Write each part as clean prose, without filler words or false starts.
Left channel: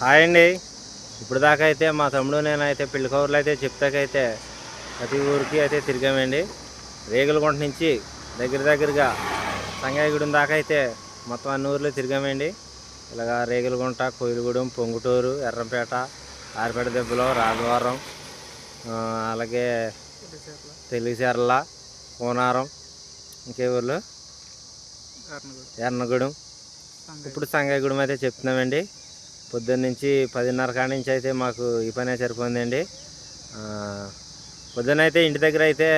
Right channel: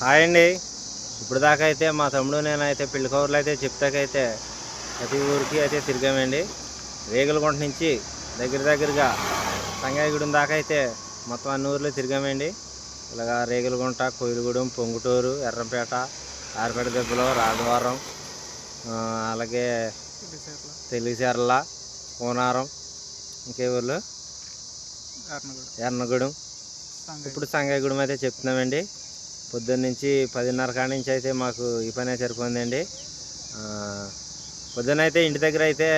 Hi అండి. ఇప్పుడు దాకా అయితే మా తమ్ముడు నేనైతే పెళ్లి కవర్లు అయితే చెప్తాకైతే ప్రతి ఊరికి అయితే తిరిగామండి. రేగులగుంట నుంచి దగ్గరగా సంగాయగూడెం దాకా అయితే మొత్తం అన్ని ఊర్లు తిరిగామండి. ఇలాగా రేగులగుంట, కోయిలగూడెం, పొంగుటూరు, ఎర్రంపేట, ఆరిపేట దెబ్బలో, రాజవరం, అలాగే తెలుగుచెర్ల, కోనారం, ఇంకే ఊర్లు ఎర్నగూడెం, ఇప్పుడు సంగాయగూడెం అయితే చెప్తున్నామండి. పొద్దున్న నుంచి 10:30 కాడి నుంచి అయితే మాకు ఈ పనే సరిపోయిందండి. పొద్దున్న అయితే ఇంటి దగ్గర అయితే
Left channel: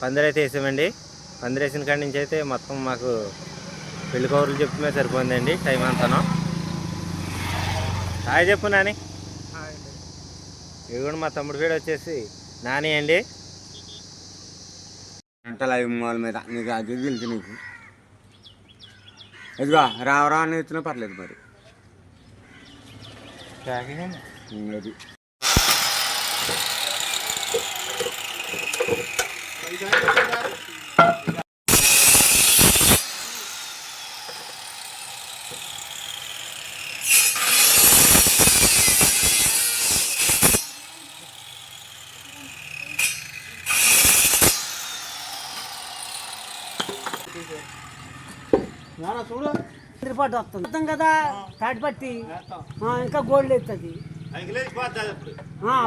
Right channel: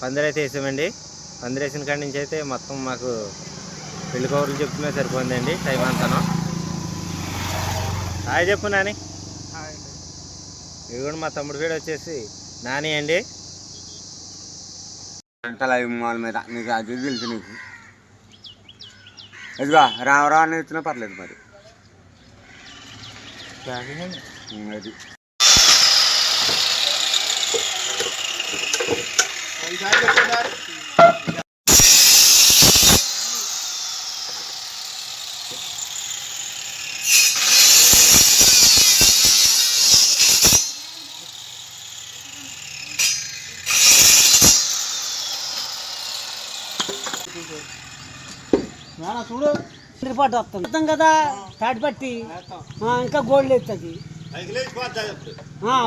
పందిరైతే వేసామండి. పందిరేసిన కాడి నుంచి అయితే మొత్తం మాకు పెళ్లి కవర్లు చెప్తున్నా సరిపోయిందండి టైం అంతాను. హాయ్ చెప్పు నాని. ఇది కూడా మా తమ్ముడు పేరు వచ్చేసి నాని అండి. అంటే లైవ్ మాల్ మీద నీకు అది తెలుసు. నీకు ఇదిగా రావరా అని ఇచ్చినా పర్లేదు మరి అది చూడు రిపోర్ట్ వస్తుంది కదా తాటి పట్టి ఇంకా గోల్డ్ ఎత్తుంది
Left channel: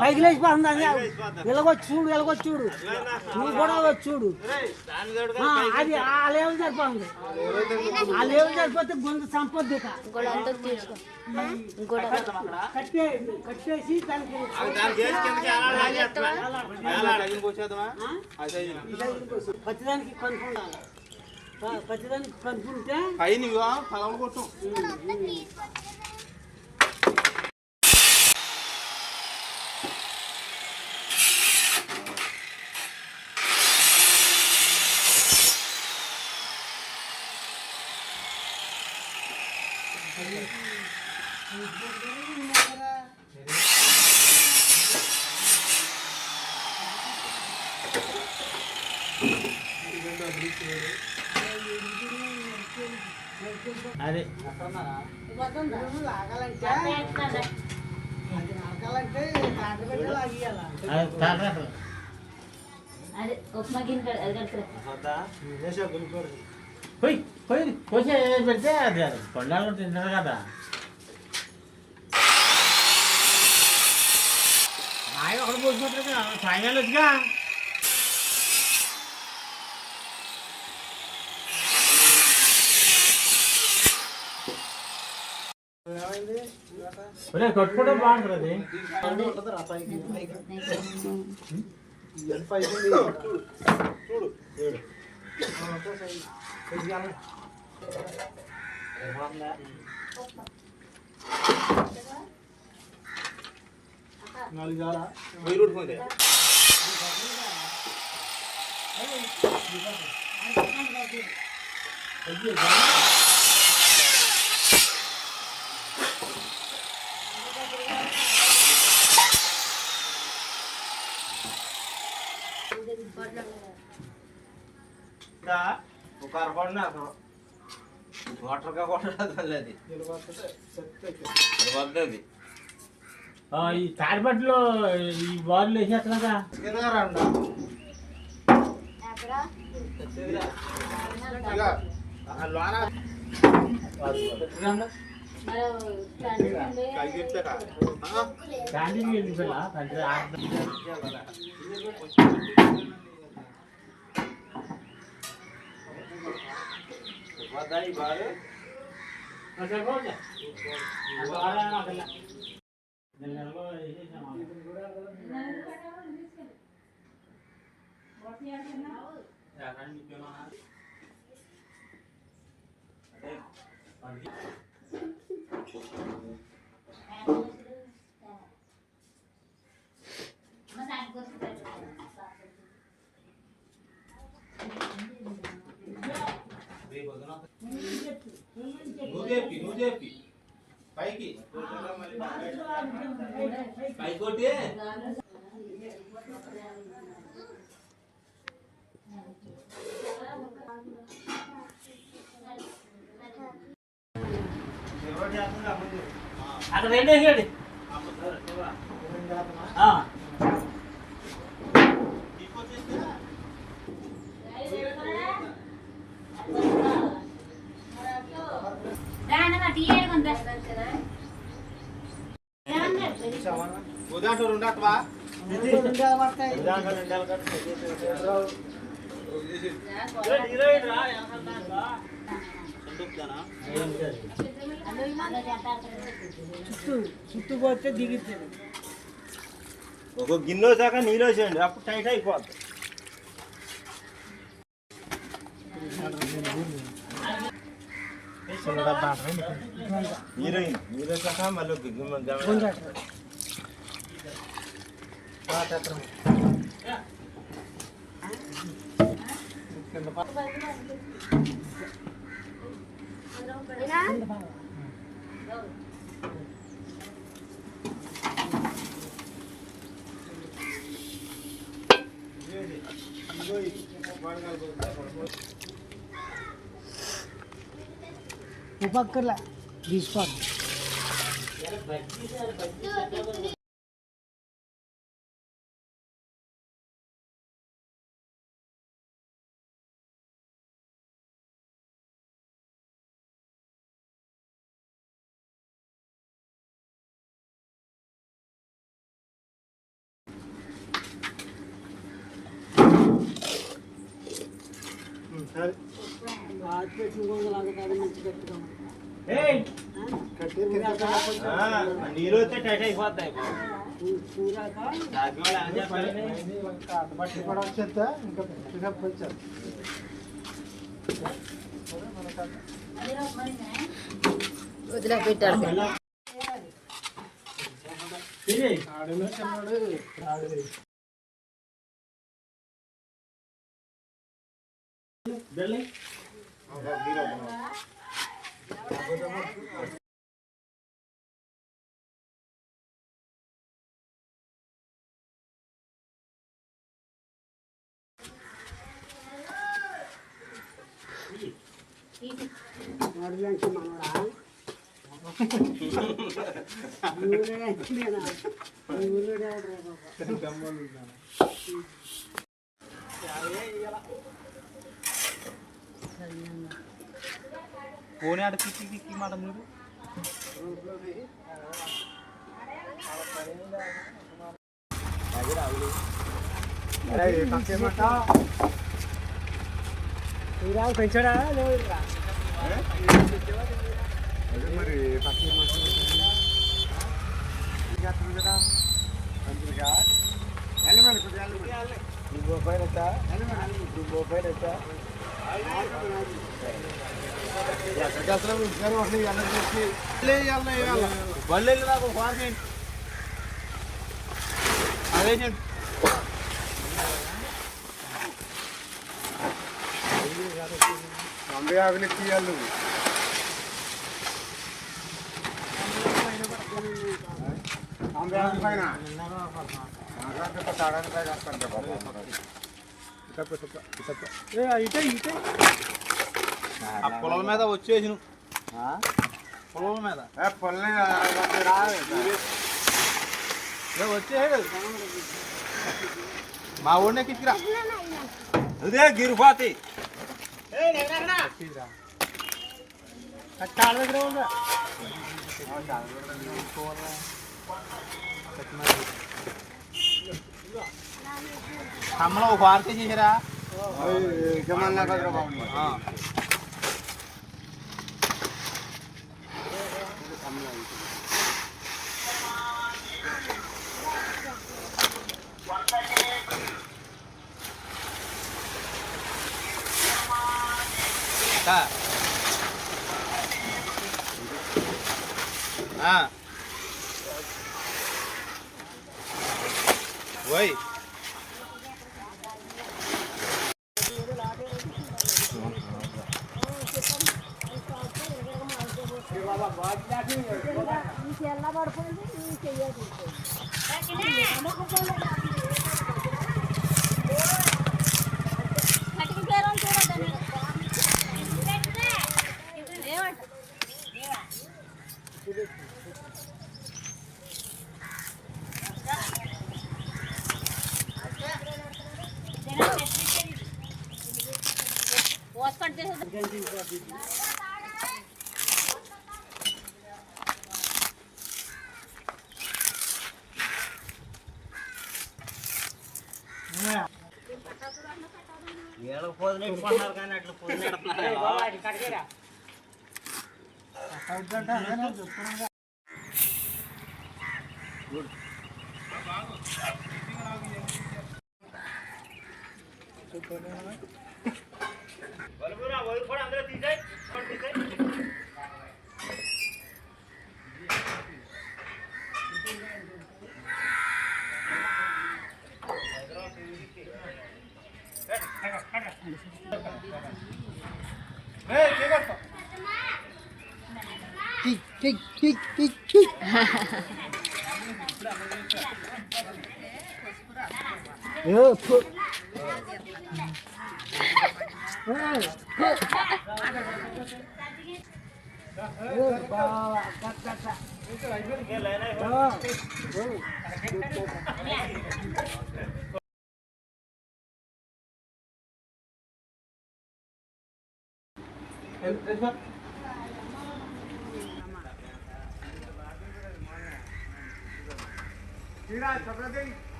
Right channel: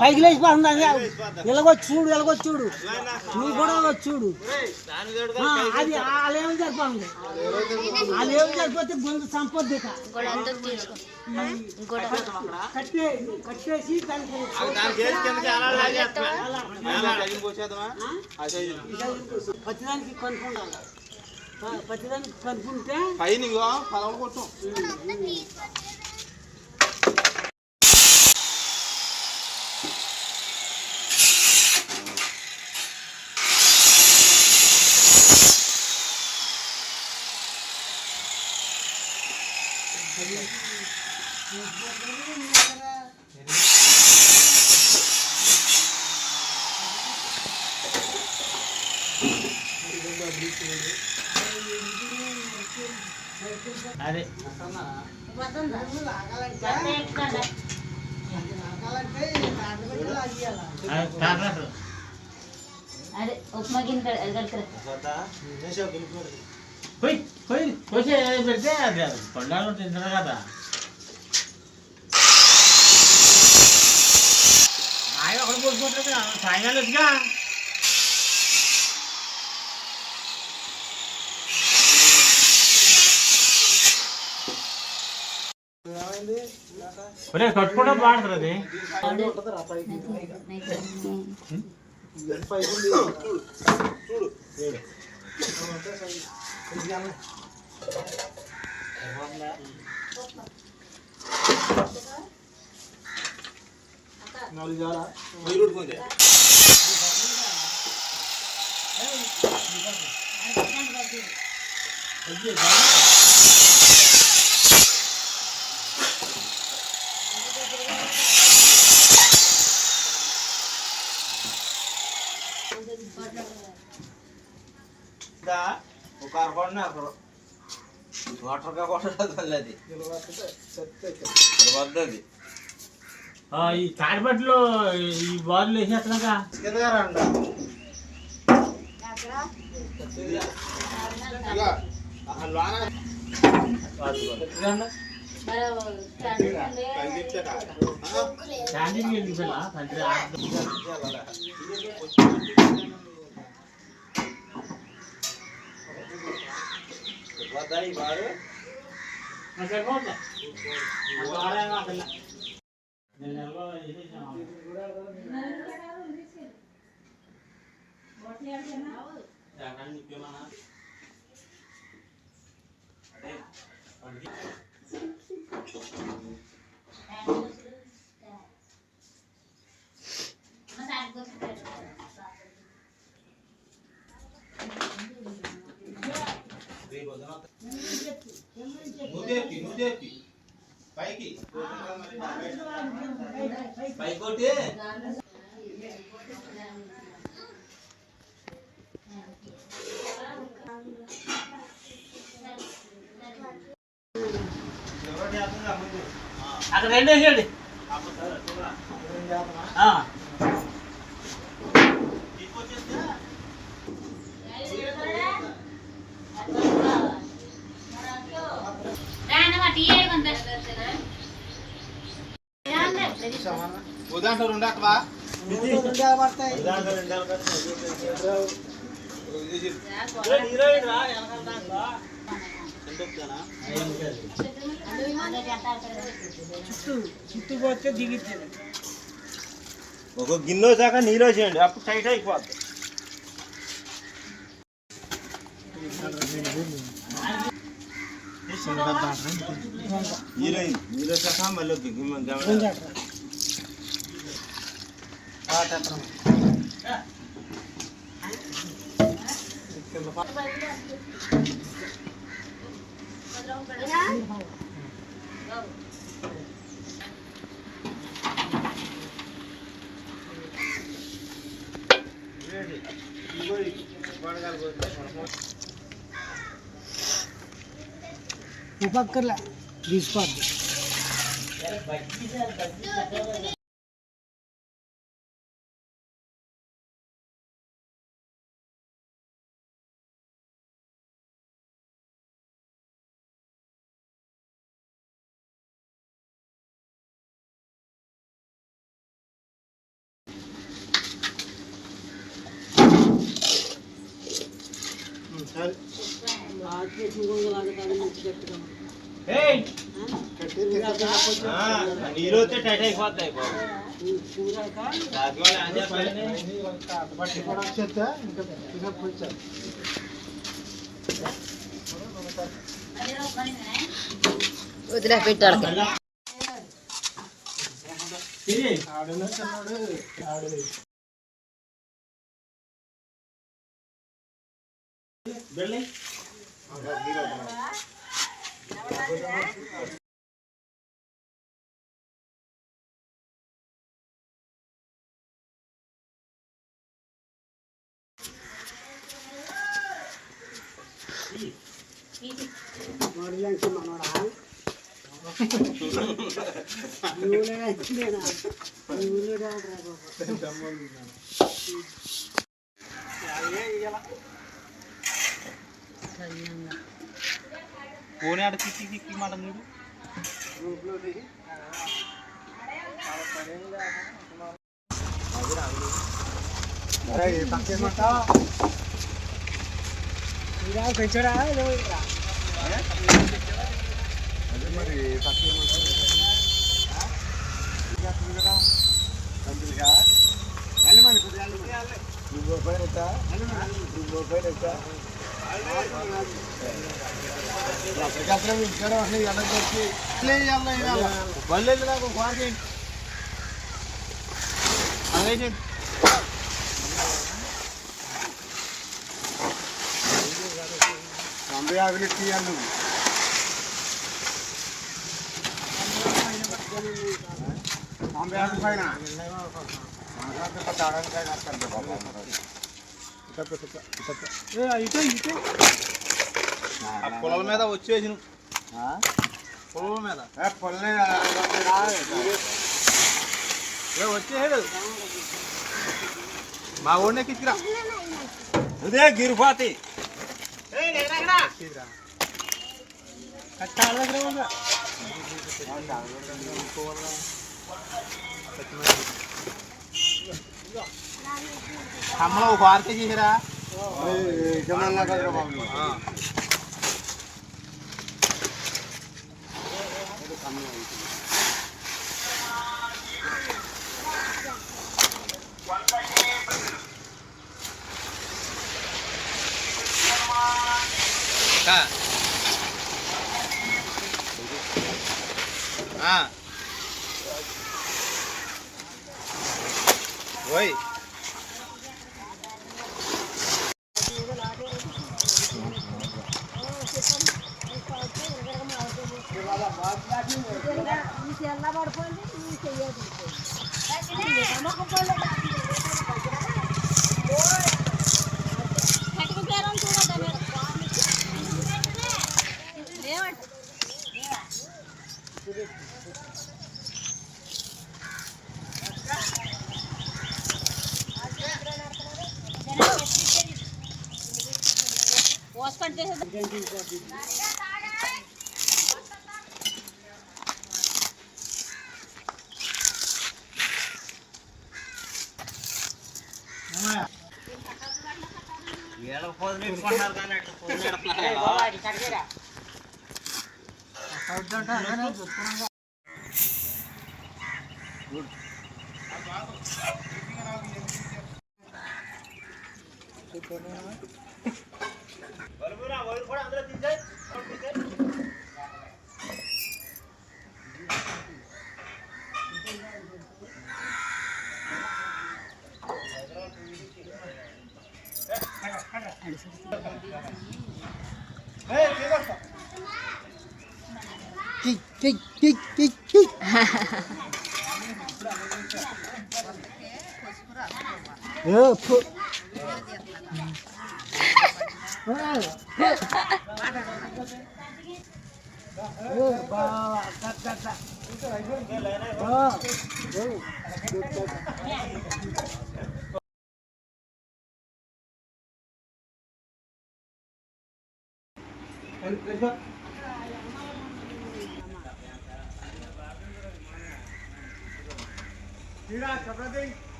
పైకి లేచిపోతుంది. ఎలాగొచ్చి చూడు నువ్వు కూడా చూడు. అది వాళ్ళేమో సరిపోతుంది. వాళ్ళేమో సరిపోతే గొంతు సంపొద్దు కట్టేసి పచ్చిదానికి కొనుక్కుండాలి. పచ్చిదానికి కనుక్కుంటే పైన పొలం కొట్టు. అదే ఉప్మా గిన్నె పెడితే పండాలు తింటారు కదా. ఒకటి పోసుకుంటారు సాయంకాలం వచ్చిగా కట్టుకోవడం బాగుంటుంది. ఒక అరకొండ వాటర్గా కొట్టది వద్దది. ఈ తాడిపట్టులో ఈ బార్లు వేసేస్తున్నాగా వద్దాయి బారు నువ్వు పైకి పైకోటి అక్కడ రెండు వేసేయండి. ఉదాహరణ రెండు అట్లా రెండు పడతాయి. చుట్టూ పోతే దిగిచ్చాడు. ఒక గిన్నె వచ్చాక నీళ్ళు వేసేయండి, అప్పుడు టైట్ అయిపోద్ది. నీళ్ళు వచ్చాక మళ్ళీ ఉపక్కర్లా తీసుకోవద్దు. నీళ్ళు వస్తే టైట్ అయిపోతాయి. వదిలిపెట్టాడు. పోనీ ఆడ కిక్కి మాట నీడు పెంచడా మరి తీయాలి పైన పొలం మీద వచ్చేసి పొలం మీద వచ్చే మా ఊళ్ళో కిచ్చిరా అదే గిరిపాతి కమ్మలో ఒక వార్త చేసిరా బాబు ఓయ్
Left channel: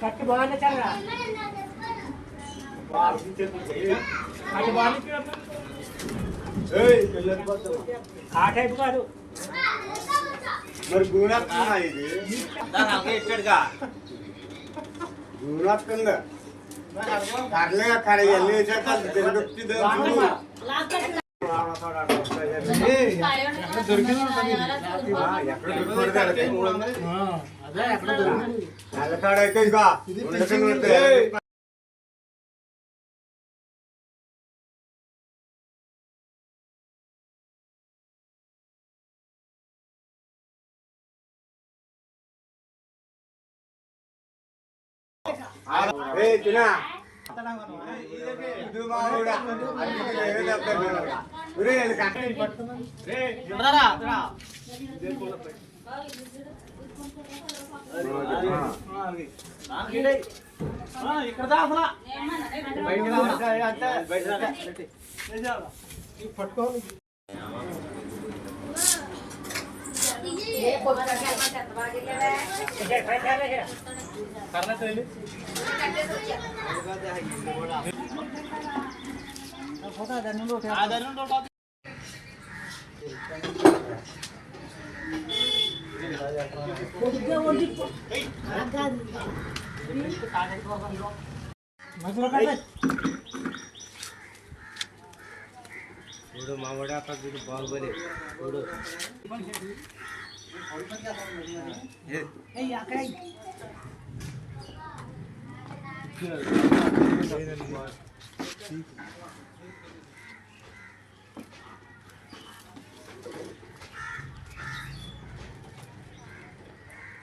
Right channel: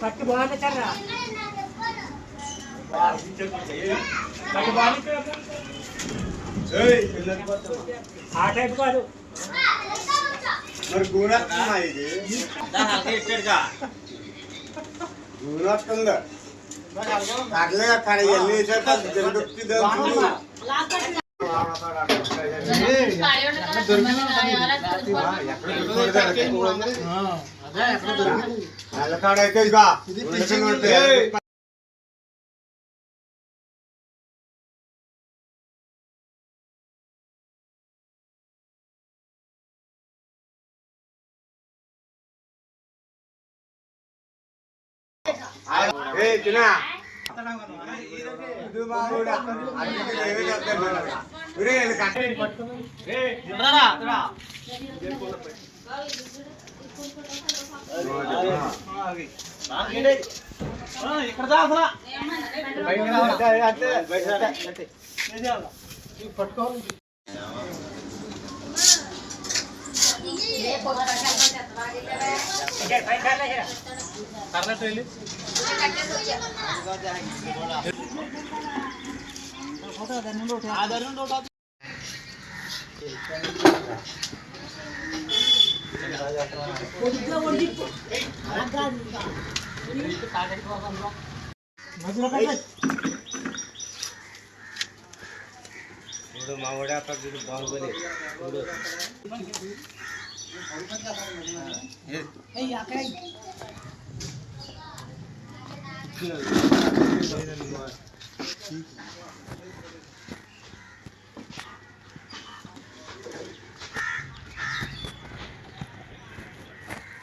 పట్టు బాగుంది కదా ఆ టైప్ కాదు మరి గూడొస్తుందా ఇది గూడొస్తుందా కర్లే కడ ఎల్లి జరుగుతుంది నల్లకాడైతే ఇక చిన్న ఇది మా ఊడా అందుకే ఏమీ చెప్తాను ఇక్కడ దాసరా పట్టుకోవాలి మా ఊడా బాగుంది అక్కడ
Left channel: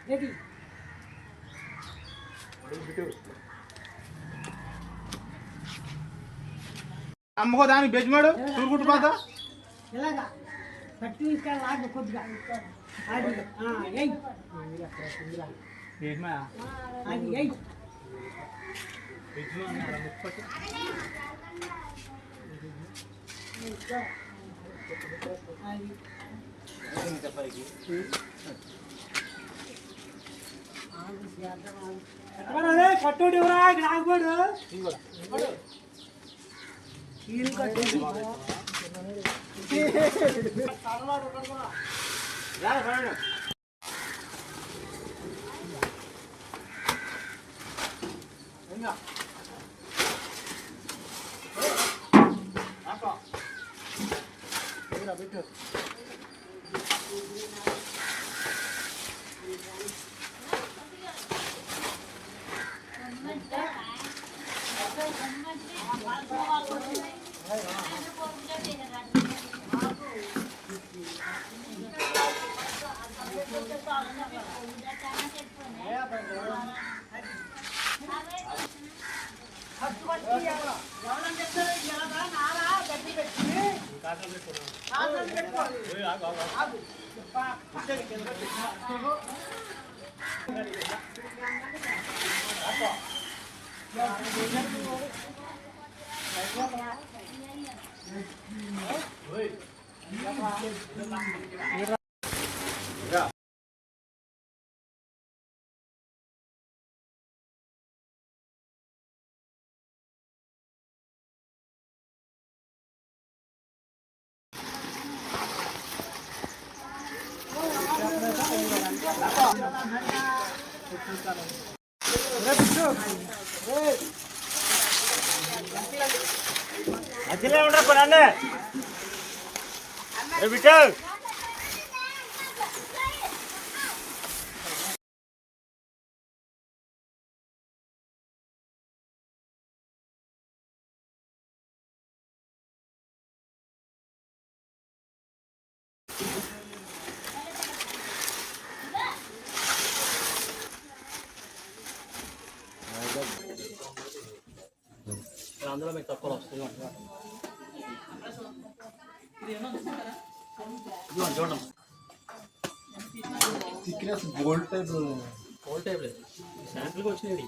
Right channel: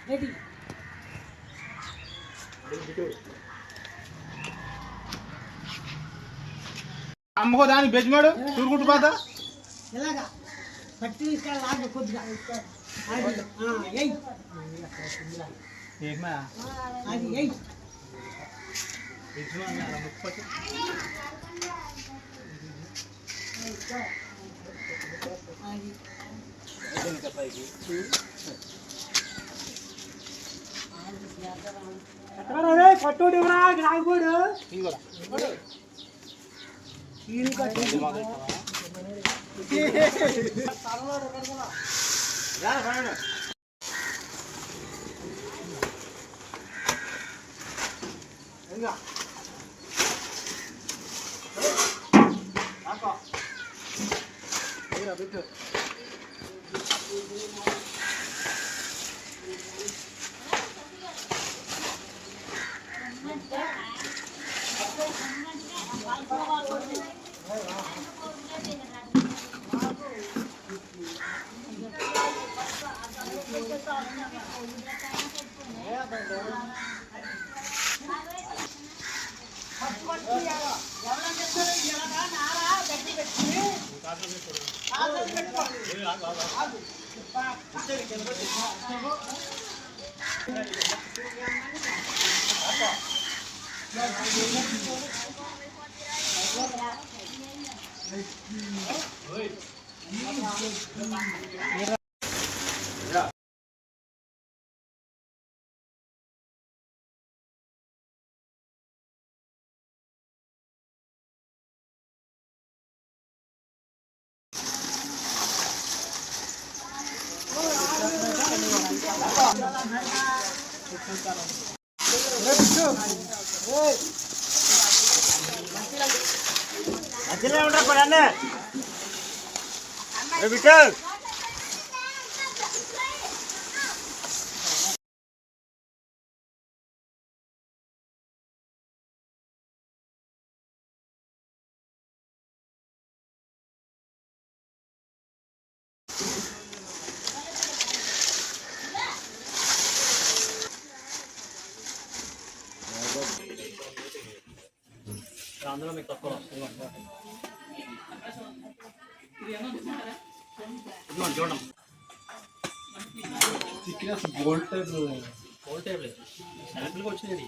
రెడీ అమ్మకో దాని బెజ్మాడు చూరుకుంటు పోతా ఎలాగా పట్టి తీసుకెళ్ళి లాగు కొద్దిగా ఎయ్ అది ఎయ్ పట్టుడి రాకపోడు మంచిగా ఉంటారు పడాన్ని విఠల్ అందులో మీకు తక్కువ వస్తుంది గోల్డ్ టైప్ గోల్డ్ టైప్ లేదు శాంపిల్కి వచ్చినది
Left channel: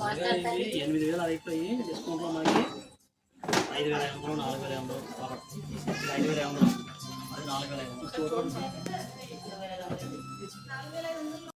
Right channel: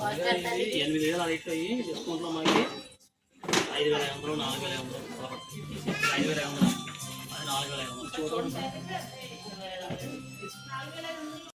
8,000 అది ఇట్లా డిస్కౌంట్లో మనకి 5,500 4,500 5,500 అది 4,500